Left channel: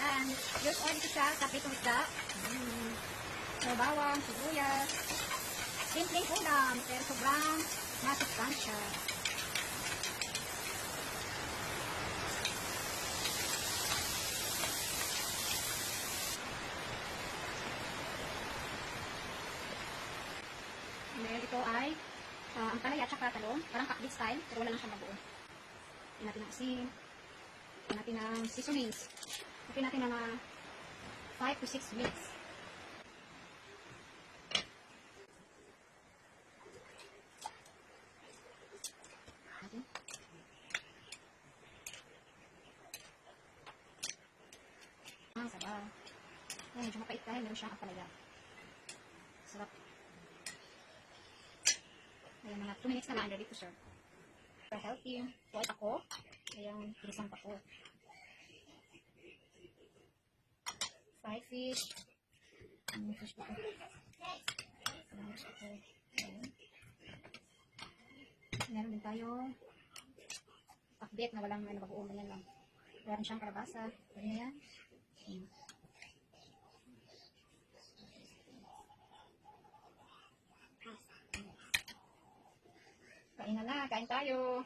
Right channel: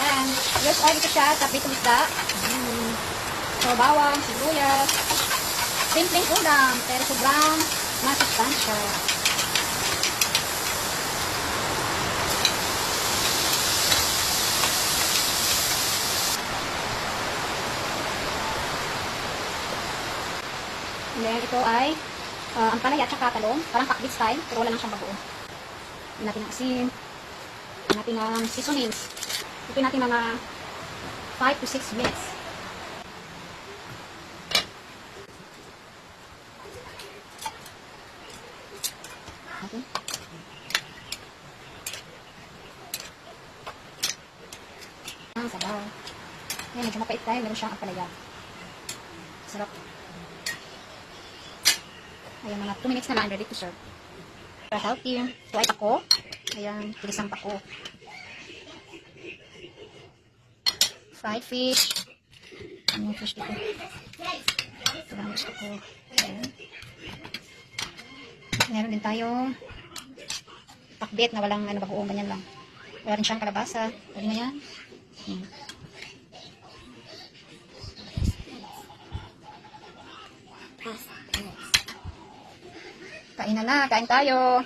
Ayan. Here's oil ito siya sa pritong isda. So, bawang, sibuyas. Simpleng ulam, pero sobrang masustansya. And then, ito ay ang palaya at saka talong. Parang pakbit style, pero wala lang siyang bagoong. Ito natin ang asin. Ito natin ang seasonings. Ito natin mga 5 to 6 minutes. Okay. Ang sabaw. Ayan, medyo mapait tayo. Meron siyang ampalaya. Sarap. Ayan, mga 2 minutes na lang. Ready to serve. Para healthy. Ito ay pako. Ayan, tinisang pako. Fried fish. Ano yung fish dito? Ito lang gusto ko. Ayan. Meron din tayong pakbet na walang bagoong, ganyan lang. Wala rin siyang kalabasa. Pwede na yan. Kain na, kain tayo.